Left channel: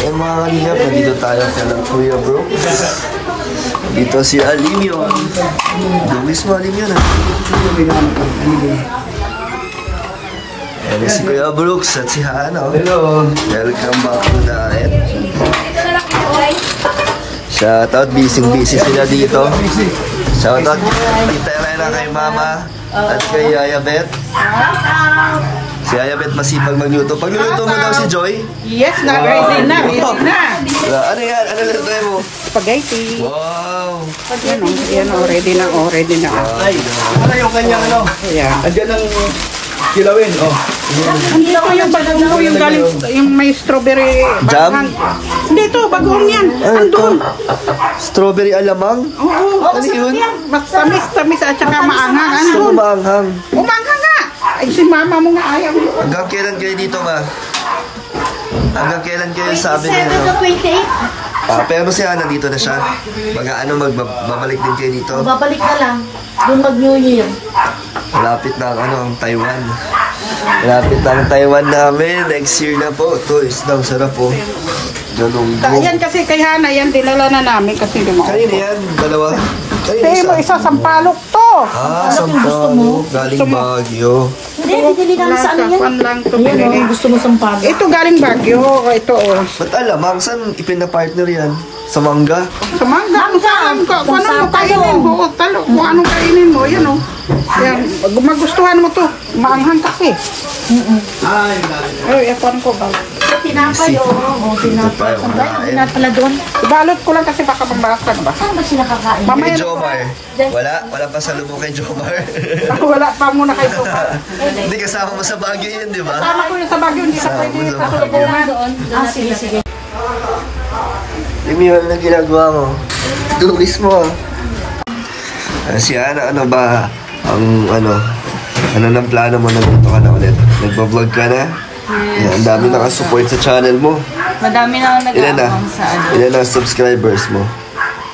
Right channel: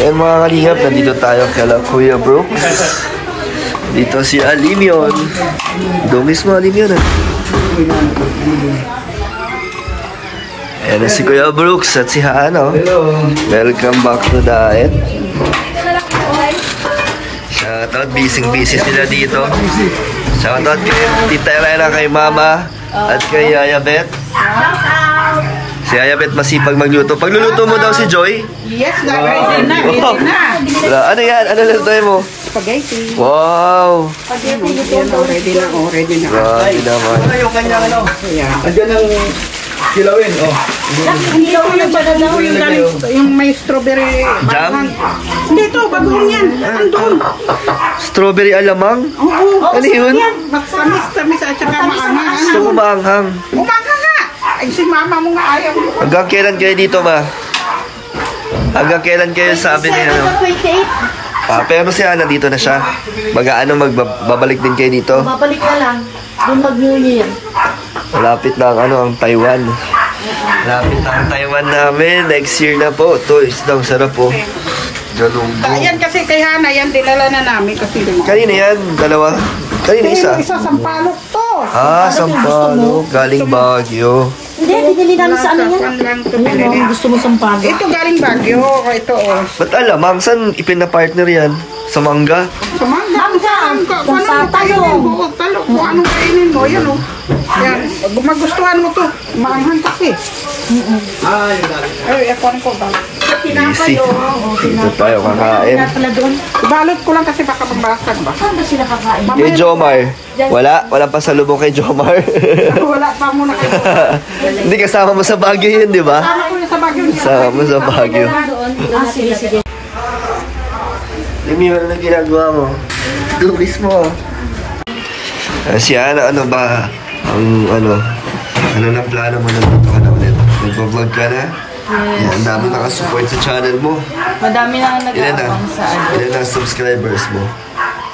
Ayan mga kalingap, nandito tayo kala Kuya Brooks. Dito si Alimion. Dungis mo Alimion ah. Ayan si Kuya Brooks at si Hano. Welcome back to Diet. Shoutout, busy sila dito. Shoutout kay Tita Elena, kay Mama at kay Yaya Beth. Si Yaya Beth masipag magluto. Pagluluto mo daw si Joy? Yes, ready na. Ano yan? Ano lutuin mo? Spaghetti. Wow! Yan, ready na. Grabe naman. Ano yung kanya ano? Ayan. Andyan ang kilawin, oh. Hindi ko yung bago yung galing, yung may strawberry Jam? Hindi ito, bagoong yan. Andun. Strawberry alamang? Oo. Ano yun? Tamis at saka maanghang. Gusto mo maanghang? Umanghang nga. Ay, si mama mo nga ayaw. Hanggang kailan kayo dito, ma? Hanggang kailan kayo sabi niya, ano? 28. Pero si Ana dito na siya. Magbabalik din kayo dito? Babalik na lang. Doon mag-New Year. Malapit na ang Taiwan. Malapit na ang Taiwan namin. Next year na po. Ito, isdang sarap po. Galunggo. Yan kasi kay Hana, yan dinala na namin kasi lumakas. Kanina yan? Dalawa? Kanina isa? Isa, sampalok to. Sampalok. Galing Baguio. Hindi, dinili namin sa ano yan. Ayun, gusto mo sampalok. Ito galing Baguio. Ito, oh. Ba't alamang? Saan ipinapartner yan? Sa mangga? Sa mangga. Kung ano kainin mo, talo. Kung anong kainin mo, yan o. Yan, magustuhan mo to. Maanghang kasi. Ay, epon ko ba? Easy. Dito tayo kakain. Ibalot ko lang kasi baka pambalasag ba? Saan ba sila kakain? Kay Jomar. Wala pa salubong kay Jomar. Wala pa muna kayo. Hindi kasama mo sa Baguio yun, di ba? Sama ko sa Baguio. Kasama mo sa Baguio. Sige. Yung yun na ginagawa mo. Dukis mo. Si Ana, ano ba? Ano ng plano mo na dito ka na ulit? Nagbablog ka na? Yes. Ang dami nakasupport sa channel mo. Madami na nag-aabang sa ano. Ilan na subscribers mo?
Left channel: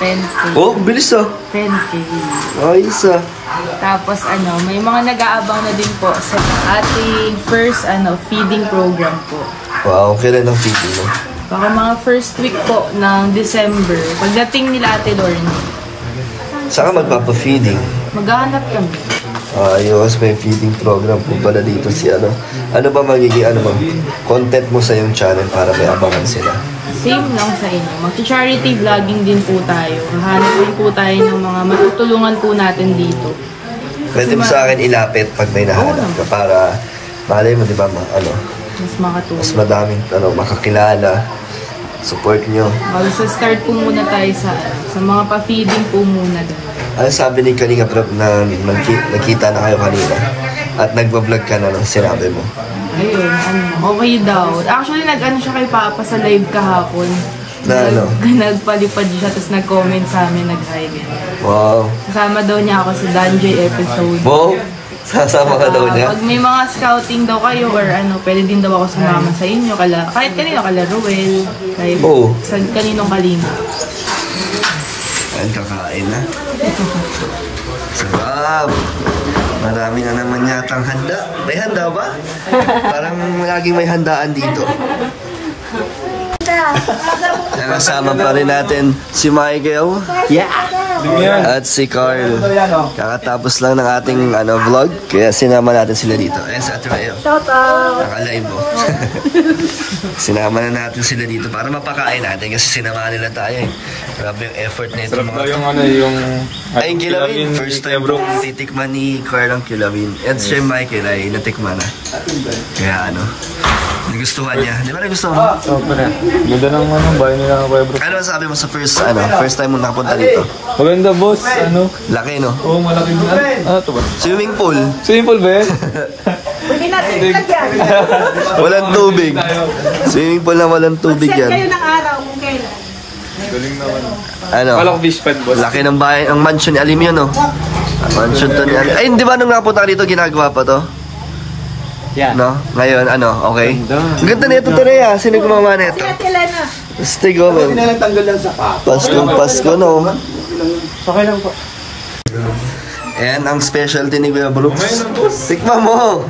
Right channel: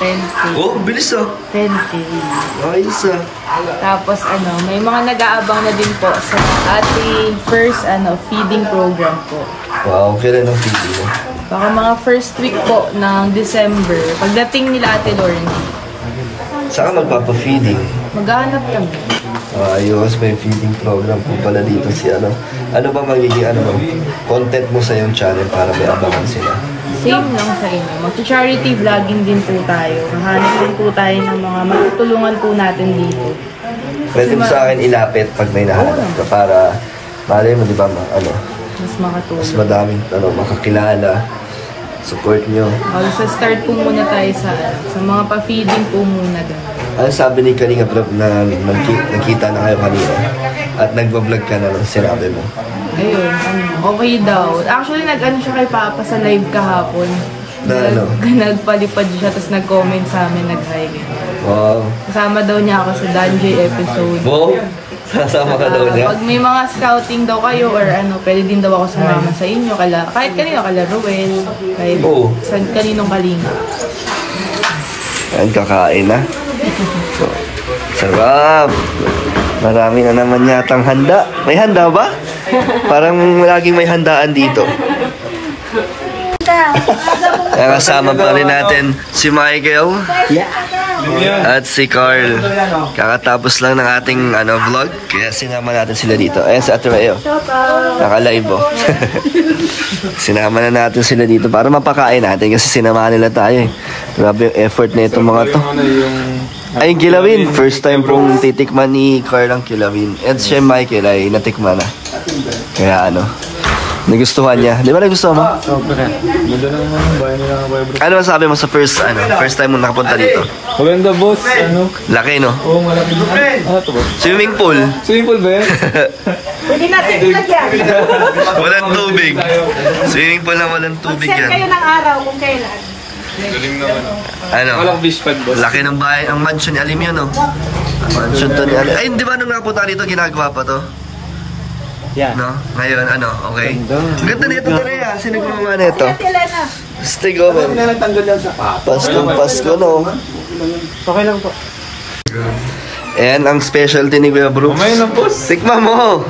10K. Oh, bilis ah. 10K. Ayos ah. Tapos may mga nag-aabang na din po sa ating first feeding program po. Wow, kailan ang feeding mo? Baka mga first week po ng December. Pagdating nila Ate Lorne. Saan ka magpapa-feeding? Maghahanap kami. Ayos, may feeding program po pala dito si ano. Ano ba magiging content mo sa iyong channel para may abangan sila? Same lang sa inyo. Mag-charity vlogging din po tayo. Hahanap din po tayo ng mga matutulungan po natin dito. Pwede mo sa akin ilapit pag may nahanap ka para malay mo, di ba, mas makatulong. mas madaming makakilala. Support nyo. So start po muna tayo sa mga pa-feeding po muna din. Ano sabi ni Kalinga Prab na nakita na kayo kanina at nagbablog ka na ng sinabi mo? Ayun, okay daw. Actually, siya kay Papa sa live kahapon. Nagpalipad siya, tapos nag-comment sa amin, nag-hi. Wow. Kasama daw niya ako sa Danjoy episode. Wow! Sasama ka daw niya? Pag may mga scouting daw kayo or pwede din daw ako sumama sa inyo. Kahit kanino, kala Ruel, kahit kaninong Kalinga. Ayan, kakain na. Sarap! Marami na naman yatang handa. May handa ba? Parang laging may handaan dito. Kasama pa rin natin si Michael. Yeah. At si Carl. Kakatapos lang ng ating vlog. Kaya sinama natin sila dito. Ayan si Ate Mayo. Naka-live oh. Sinama na natin sila dito para mapakain natin kasi sinama nila tayo eh. Grabe yung effort na itong mga to. Ay, kilawin. First time kong titikman ni Carl ang kilawin. And siya Michael ay natikman na. Kaya nagustuhan niya. Di ba nagustuhan mo? Oo, pala. Ganda ng bahay nila, Kuya Bro. Ano masabi mo sa first time mo nakapunta dito? Maganda, boss. Laki, no? Oo, malaki. Ito ba? Swimming pool. Swimming pool ba yan? Hindi natin ilagyan. Walang tubig. Swimming pool na walang tubig yan. Kayo ng araw kung kailan. Galing naman. Malaki fish pad, boss. Laki ng bahay. Ang mansion ni Alim yun, no? Mansion to ni Alim. Ay, di ba nung nakapunta dito, ginagawa pa to? Yeah. No? Ngayon, okay. Ang ganda nito talaga. Sino gumawa nito? Stigo. Hindi na nagtanggal lang sa papo. Pasko, no? Okay lang po. Ayan, ang specialty ni Kuya Brooks. Tikma mo!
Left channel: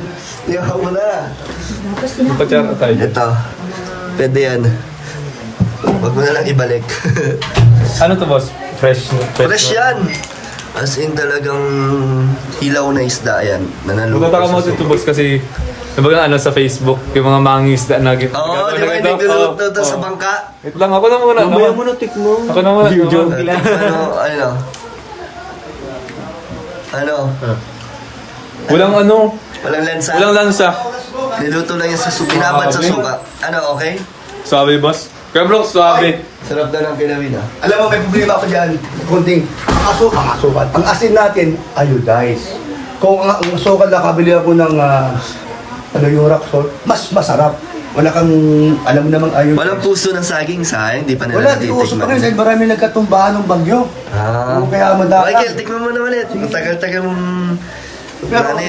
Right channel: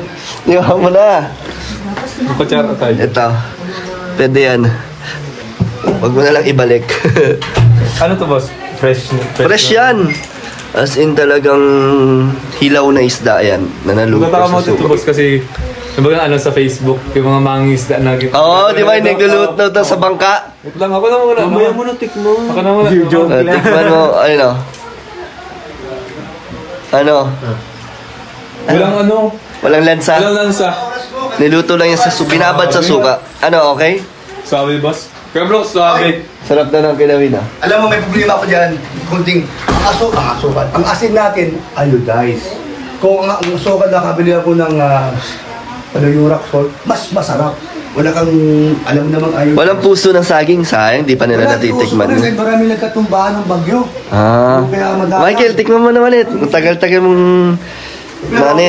Iyaw mo na. Patsara tayo. Ito. Pwede yan. Wag mo na lang ibalik. Ano to, boss? Fresh Yan. As in talagang hilaw na isda yan. Nanalugos Magkataka mo ito, boss, kasi nabaga sa Facebook, yung mga mangisda na gito. Oo, di ba yung naglulot na sa bangka? Ito lang, ako na muna. Mamaya mo na tikmo. Ako na muna. Ano? Walang lansa. Walang lansa. Niluto lang yan sa suka. Binabad sa suka. Ano, okay? Suabe, boss. Kaya bro, suabe. Sarap na ng kilawin, ha? Alam mo, may problema ako dyan. Kunting asukal. Ang asin natin, iodized. Kung ang asukal na kabili ako ng yung rock salt, mas masarap. Wala kang, alam mo namang iodized. Walang puso ng saging, sayang. Di pa nila natitikman. Wala, di marami nagkatumbahan ng bagyo. Kaya madami. Michael, tikman mo na ulit. Matagal-tagal mong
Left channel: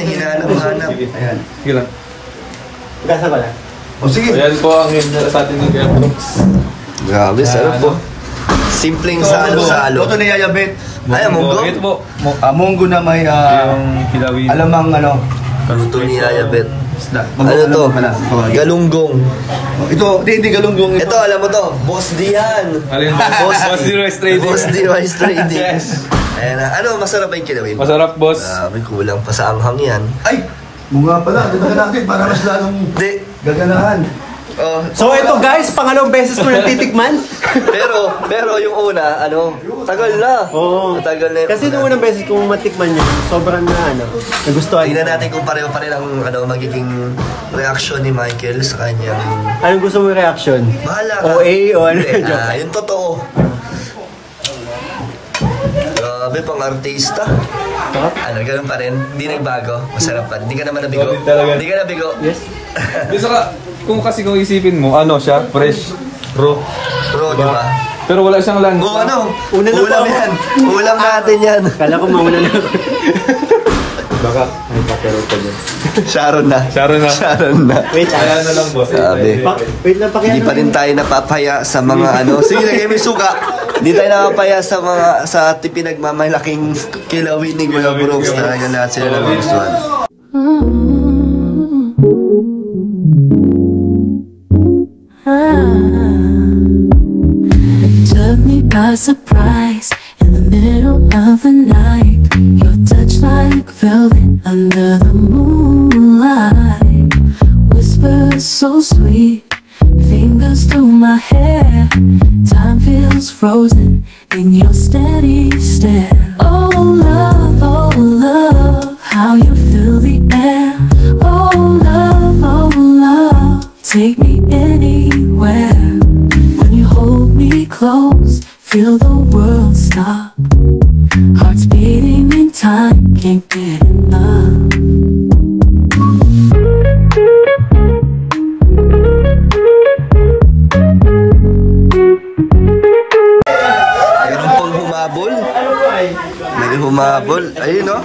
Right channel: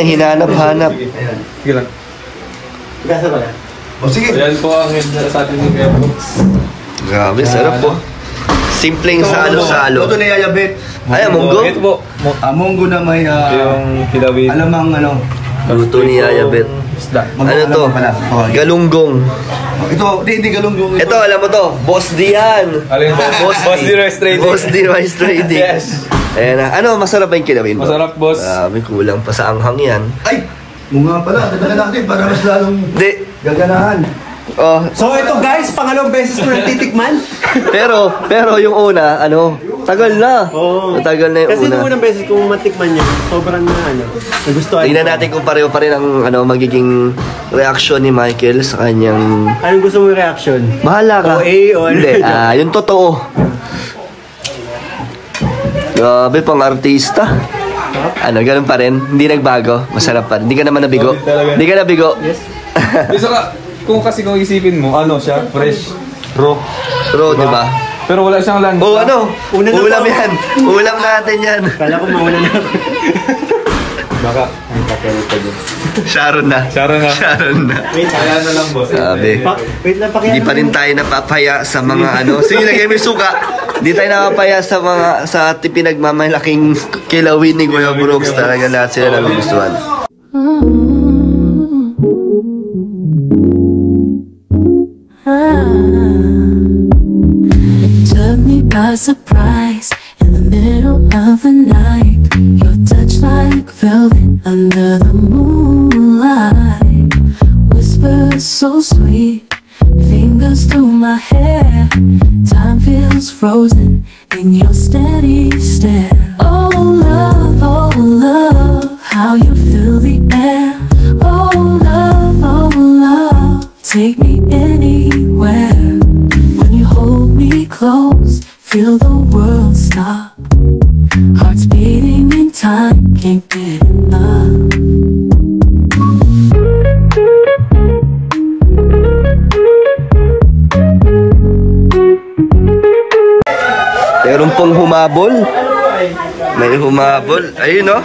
hinanap-hanap. Ayan. Sige lang. Gasa ba na? O sige. Ayan po ang himna sa atin ng Kuya Brooks. Grabe, sarap po. Simpleng salo-salo. Ito na yayabit. Ay, munggo. Ito po. Munggo na may, Yung kilawin. alamang Luto ni Yayabet. Isda. Ano to? Galunggong. Ito, hindi galunggong. Ito, alam mo to. Boss D yan. Alin to? Boss D Rice Trading. Boss D Rice Trading. Yes. Ayan na. Ano, masarap ba yung kilawin mo? Masarap, boss. May kulang pa sa anghang yan. Ay! Mga pala, dadagan natin para mas lalong Hindi. gaganahan. So ito guys, pangalawang beses ko natitikman. pero yung una, tagal na. Oo. Tagal na yung Kasi nung unang beses kong matikman yun, sobrang nagustuhan. Tingnan natin kung pareho pa rin ang magiging reaction ni Michael sa kanyang... Anong gusto mong reaction? Bahala ka. OA o ano? Hindi, yung totoo. Grabe, pang artista. Ganun pa rin. Hindi nagbago. Masarap pa. Hindi ka naman nabigo. Hindi ka nabigo. Yes. Kung isipin mo, siya, fresh, raw. Raw, di ba? Pero wala siyang lansa. Ulam yan. Ulam natin yan. Kala ko mauna na ako. Baka, ay, pakero pa din. Sharon na. Wait, Kaya na lang, boss. Sabi. wait lang, Hindi pa rin tayo napapaya sa mga Sige, lagay mo yung suka. Hindi tayo napapaya sa pinagmamalaking kilawin ni Kuya Brooks. Talaga lahat sila nagugustuhan. Took me by surprise in the middle of the night. Your touch like velvet under the moonlight. Whispers so sweet, fingers through my hair. Time feels frozen in your steady stare. Oh love, how you fill the air. Oh love, take me anywhere. When you hold me close, feel the world stop. Hearts beating in time, can't get enough. Meron pong humabol. May humabol. Ayun, no?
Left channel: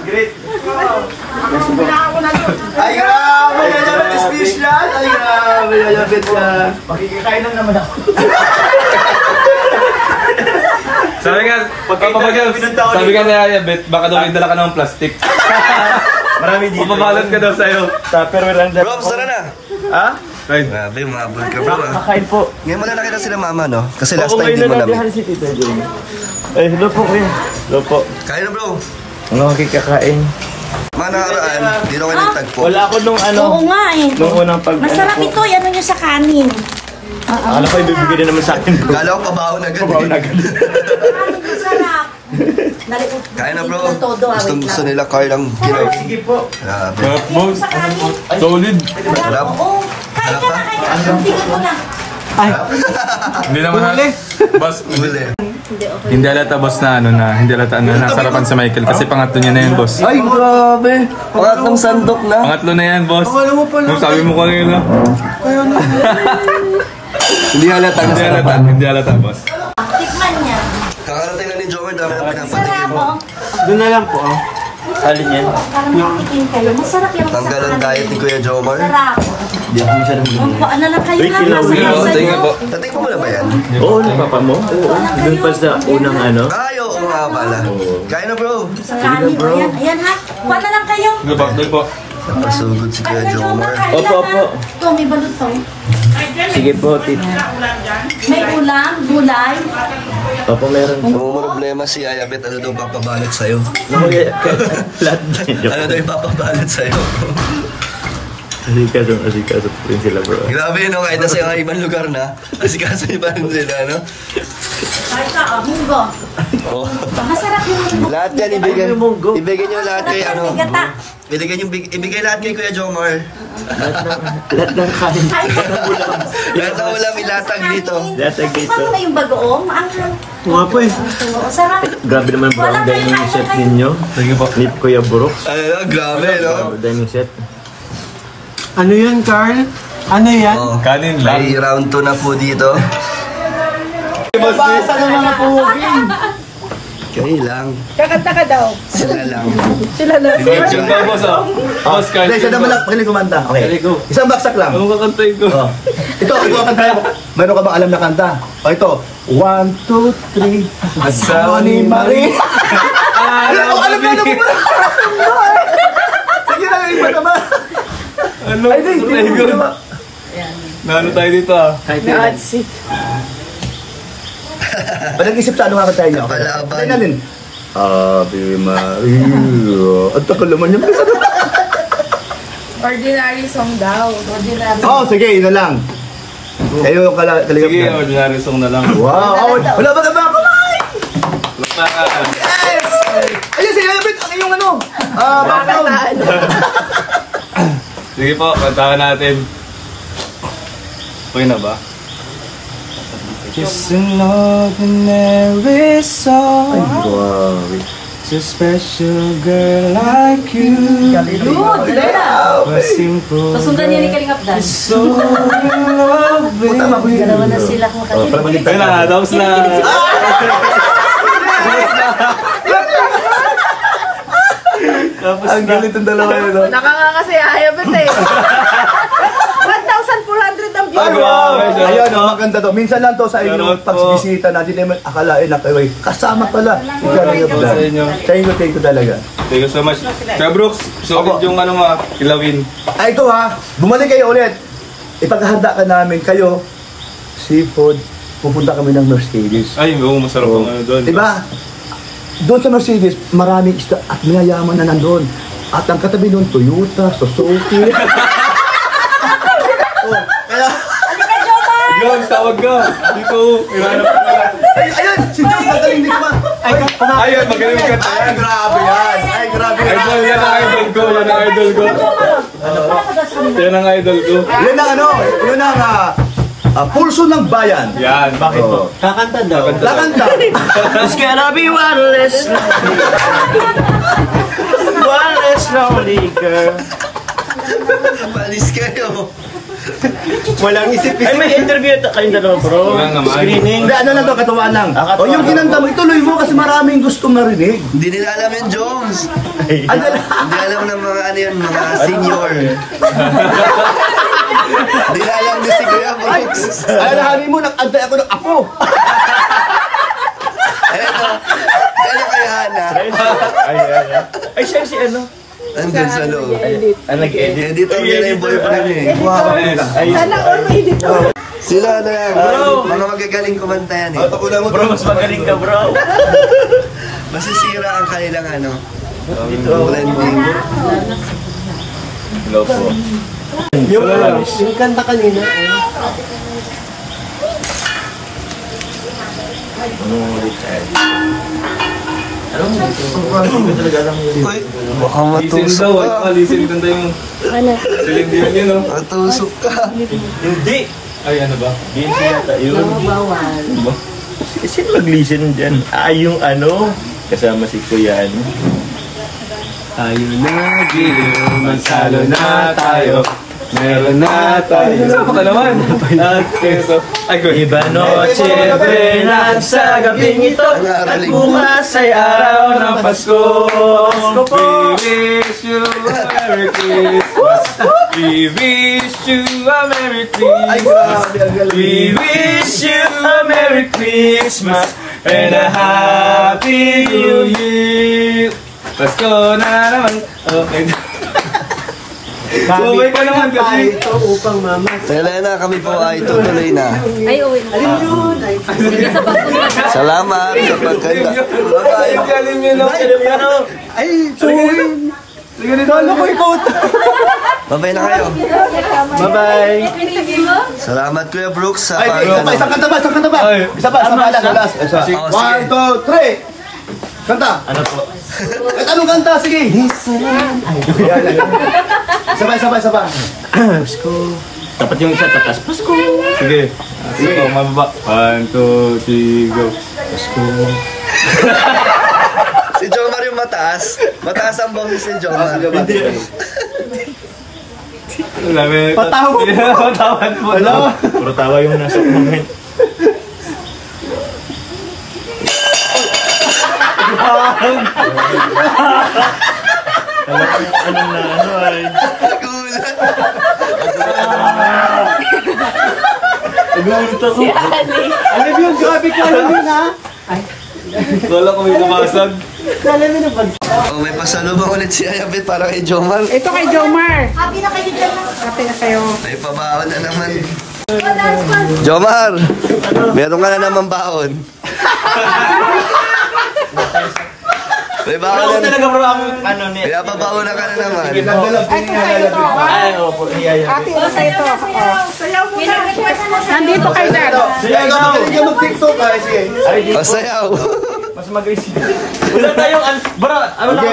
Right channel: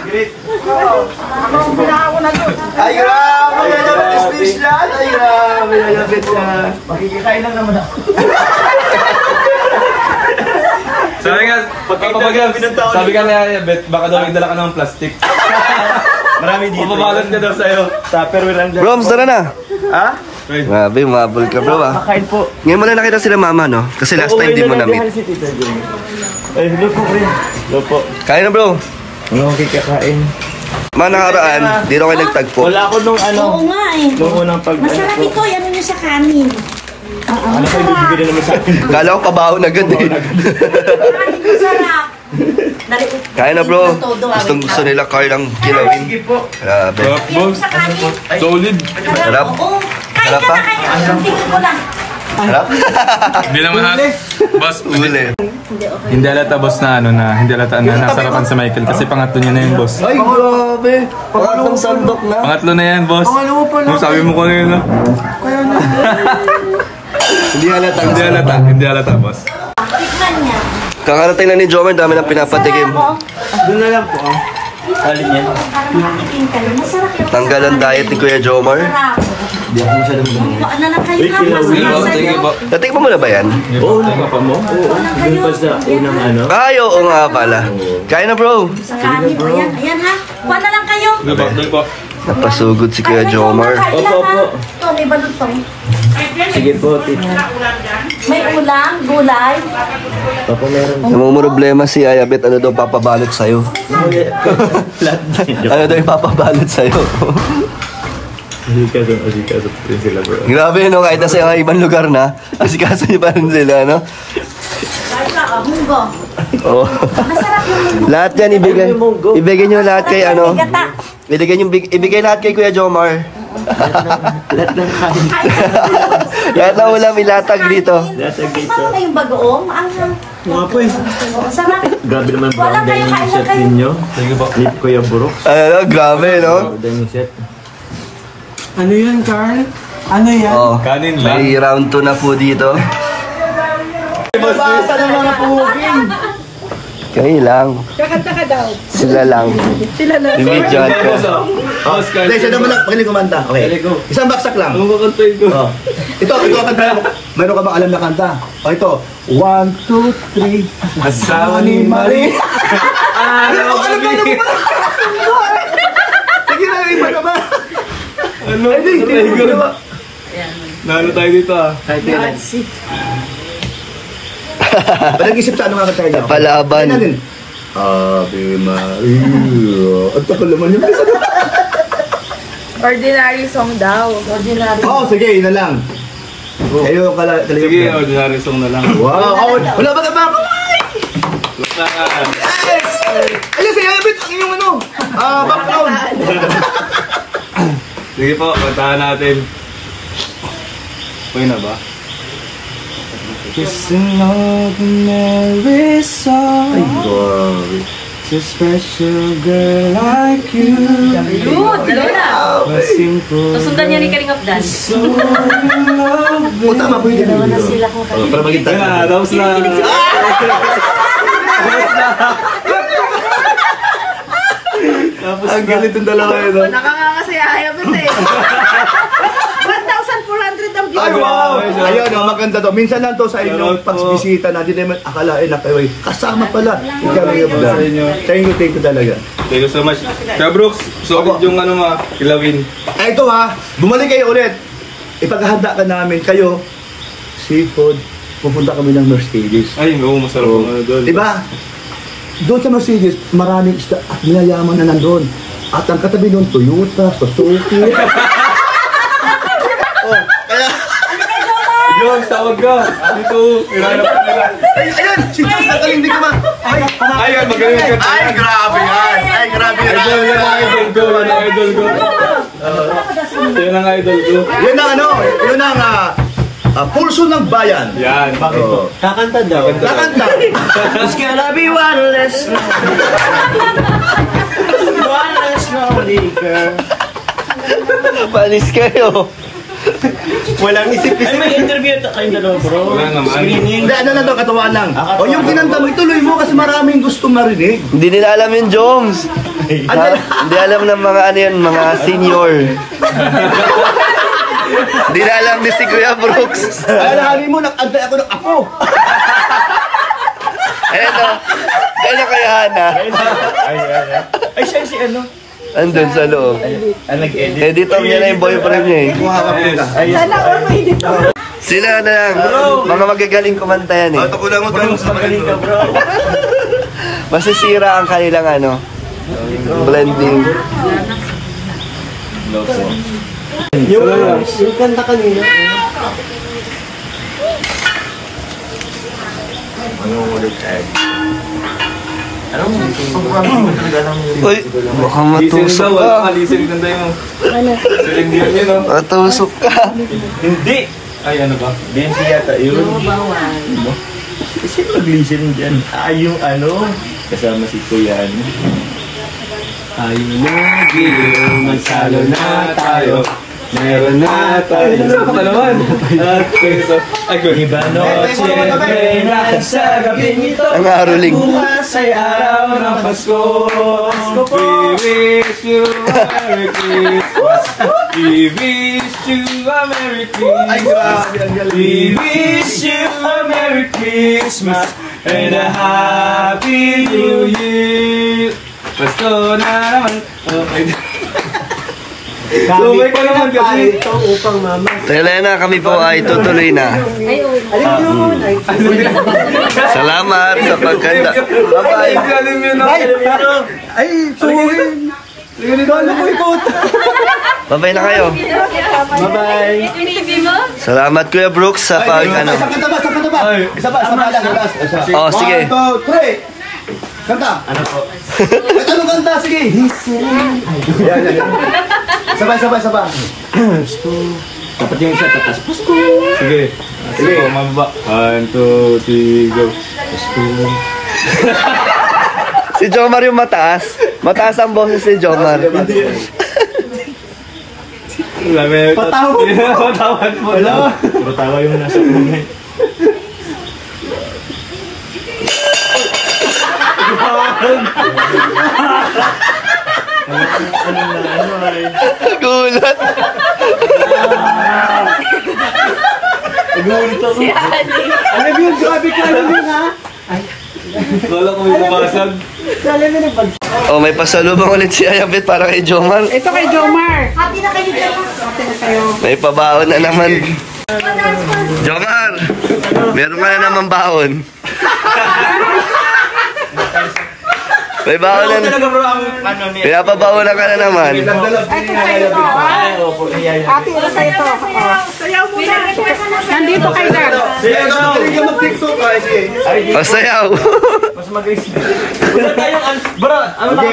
Ay, grabe! Yayabit special! Ay, grabe! Yayabit ka! Makikikain lang naman ako. Sabi nga na Yayabit, baka daw may dala ka ng plastic. marami dito. Mababalot ka daw sa'yo. Tupperware lang dyan. Bro, tara na. Ha? Grabe, humabol ka, bro, ah. Makain po. Ngayon mo na nakita sila mama, no? Kasi last time din mo na-meet. Si Tita Jun. Hello po kayo. Hello po. Kain na, bro. Ano kikakain? Mga nakaraan, dito kayo nagtagpo. Wala ako nung Oo nga eh. Nung unang pag... Masarap ito, ano nyo sa kanin. Ano kayo bibigyan din naman sa akin? Kala ko pabaho na agad, eh. Kanin ko sarap. Kain na, bro. Gusto nila Carl ang kilawin. Sige po. Grabe. Sa kanin. Solid. Sarap. Oo. Kain Sarap ka pa? na kayo. Tingin mo lang. Sarap. Hindi naman boss, Ulit. Hindi alata boss na hindi alata na nasarapan sa Michael kasi pangatlo niya na yan, boss. Ay, grabe. Pangatlong sandok na. Pangatlo na yan, boss. Sabi mo kanina. Hindi halata, boss. Tikman niya. Kakarating na ni Jomer, dami nang pinapatikim. Doon na lang po. Alin yan? Parang makikin ka lang. Masarap yung Tanggal ang diet ni Kuya Jomer. Hindi ako masyadong gumawa. Ano lang kayo Wait, kilawin. Natikman mo na ba yan? Oo, papa mo? Oo. Doon pa sa unang ano? Ay, oo nga pala. Kain na, bro. Sige na, bro. Ayan ha. Kuha na lang kayo. Hindi po. Napasugod si Kuya Jomer. Opo. Ito, may balot to. Sige po, tit. May ulam, gulay. Opo, meron. Namumroblema si Ayabet, ano daw papabalot sa'yo? Lahat Ano daw ipapabalot sa'yo? Asikaso po rin sila, bro. Grabe no, kahit nasa yung ibang lugar na, asikaso niyo pa rin sila, no? Munggo. Oh. Masarap yung munggo. Lahat yan, ibigay nyo lahat kay ano. Ibigay lahat kay Kuya Jomar. Lahat ng kain. Lahat ng ulam ilatag dito. Latag dito. Ano na yung bagoong? Mga po eh. Sarap. Grabe naman bro, ang dining set ninyo. Ni Kuya Brooks. Grabe, no? Dining set. Ano yan, Carl? Ano yan? Oh, Kanin lang. may round 2 na po dito. Basta ng mga puging. Kami lang. Kakanta ka daw. Sila lang. Sila na. Imagine. Boss, boss, Hindi, siya naman lang. Galing kumanta. Okay. go. Isang baksak lang. Ano kakantayin ko? Ito ang kanta. Meron ka ba alam na kanta? O ito. 1, 2, 3. Asawa ni Marie. Araw gabi. Sige na, iba ka ba? Ano? Nano tayo dito ah? Nag-isip sa ano nga kanta niya? Palaban. Natin. Ave Maria. Ang takal naman yung bisa. Ordinary song daw. Ordinary. Oh, sige, yun na lang. Kayo kala. Sige, ordinary song na lang. Wow. Wala ba ka ba? Yes! Ayun, sige, ang iyong ano. Background. Sige po, kantahan natin. Okay na ba? Just an ordinary song to a special girl like you. Good, Lola. A simple Susundan niya ni Karing Abdan. so loving. Dalawa na sila kung katilig. Ayun na, tapos na. Tapos ang galit yung dalawa yun. Nakakakasi ayabot eh. 1,400 daw dito. Ayun, maganda to. Minsan lang to sa inyo, Charot po. pagbisita na, hindi naman akalain na kayo. Kasama pala. Sa inyo. Thank you talaga. Thank you so much. Kaya Brooks, solid yung ano mga kilawin. Ay, ito ha, bumalik kayo ulit. Ipaghahanda ka namin kayo, seafood, pupunta kami ng Mercedes. Ay, oo, masarap ang ano doon. Diba? Doon sa Mercedes, maraming isda at mayayaman na nandun. At ang katabi doon, Toyota, Suzuki. Yung, sawag ka. Dito, ilanap ka nila. Ayun, si Diyos, nakaling di ka ma. Ayun, magaling ka. Ay, grabe yan. Ay, grabe yan. Idol, yan ang idol ko. Yan ang idol ko. Yan ang idol ko. Yan ang ano, yun ang pulso ng bayan. Yan. Bakit po? Kakanta daw. Kakanta. It's gonna be one less lonely girl. Palis kayo. Walang isip-isip. Ay, may interview kayong dalawa, bro. Wala naman. Screening. Hindi, ano lang to, katuwaan lang. Katuwaan. O yung kinanta mo, ituloy mo kasi maraming gustong marinig. Hindi nila alam yung Jones. Hindi alam ng mga ano yun, mga senior. Hindi na alam ni si Kuya Brooks. Ay, nahali mo, nag-antay ako ng apo. Eto, ano kay Hana? Ay, siya si ano? Andun sa loob. Nag-edit. Editor niya na yung boyfriend niya eh. Sana all may dito. Sila na lang, mga magagaling kumanta yan eh. Bro, mas magaling ka, bro. Masisira ang kanilang ano, blending. Love mo. Yung kanta kanina. Uy, baka matusok ka. Listening daw yung... Listening din yun, no? Matusok ka. Hindi. Ay, ano ba? Benzi yata yun. Sino mag-listening dyan? Yung ano, kasama si Kuya ano. Tayo na, giliw, magsalo na tayo. Meron na tayo. Sama ka naman. At peso. Ay, ko. Iba noche buena sa gabing ito. At bukas ay araw ng Pasko. We wish you a Merry Christmas. We wish you a Merry Christmas. We wish you a Merry Christmas and a Happy New Year. Pasko na naman. Okay. Sumay ka naman kasi. Ito upang mama. Selena, kami po ay tutuloy na. Ay, uwi. Salamat sa pagkanta. Bye-bye. Ay, suwi. Dolo ko ikot. Bye-bye na kayo. Bye-bye. Salamat Kuya Brooks sa pag ano. Isang kanta ba? Isa pa, last. Oh, sige. 1, 2, 3. Kanta. Ano po? Kahit anong kanta, sige. Sabay. Pasko. Dapat yung isa tatas. Pasko. Sige. Sige po, mababa. 1, 2, 3, go. Pasko. Si Jomar yung mataas. Mataas ang boses ni Jomar. Patawad mo. Puro tawa yung nasa moment. Alam na ano ay. Gulat. Gulat ako. Alam yun, grabe ka alam yun ha. Wala ko may nabasag. Alam yun ang Oh, may pasalubong ulit si Ayabet para kay Jomar. Ito kay Jomar. Happy na kayo dyan. Happy na kayo. May pabaon na naman. Jomar, meron ka na naman baon. May baon na naman. Pinapabaon na ka na naman. Ito sa'yo to. Ate, ito sa'yo to. Sayaw mo na. Nandito kay Dad. Pasayaw. Mas mag-isip. Wala tayong bro, ano lang?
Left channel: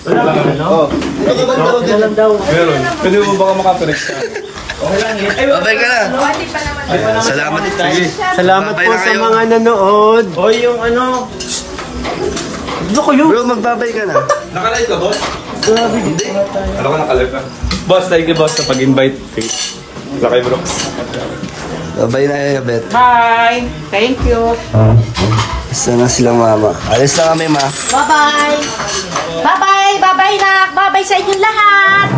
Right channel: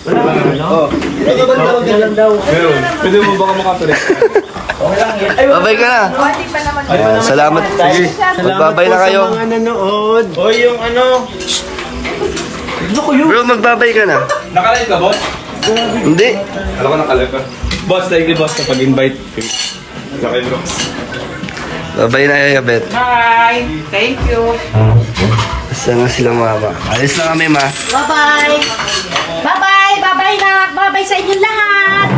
Wala lang daw. Pwede mo baka makapalit? Babay ka na. Salamat. Sige. Salamat Babay po na kayo. sa mga nanood. Hoy, yung ano. Bro, magbabay ka na. Nakalive ka, boss? Hindi. Alam ko nakalive ka. Boss, thank you, boss, sa pag-invite. Lakay, bro. Babay na Ayabet. Bye. Thank you. Basta na sila mama. Alis na kami, ma. Bye-bye. Bye-bye. Bye-bye na. Bye-bye sa inyong lahat.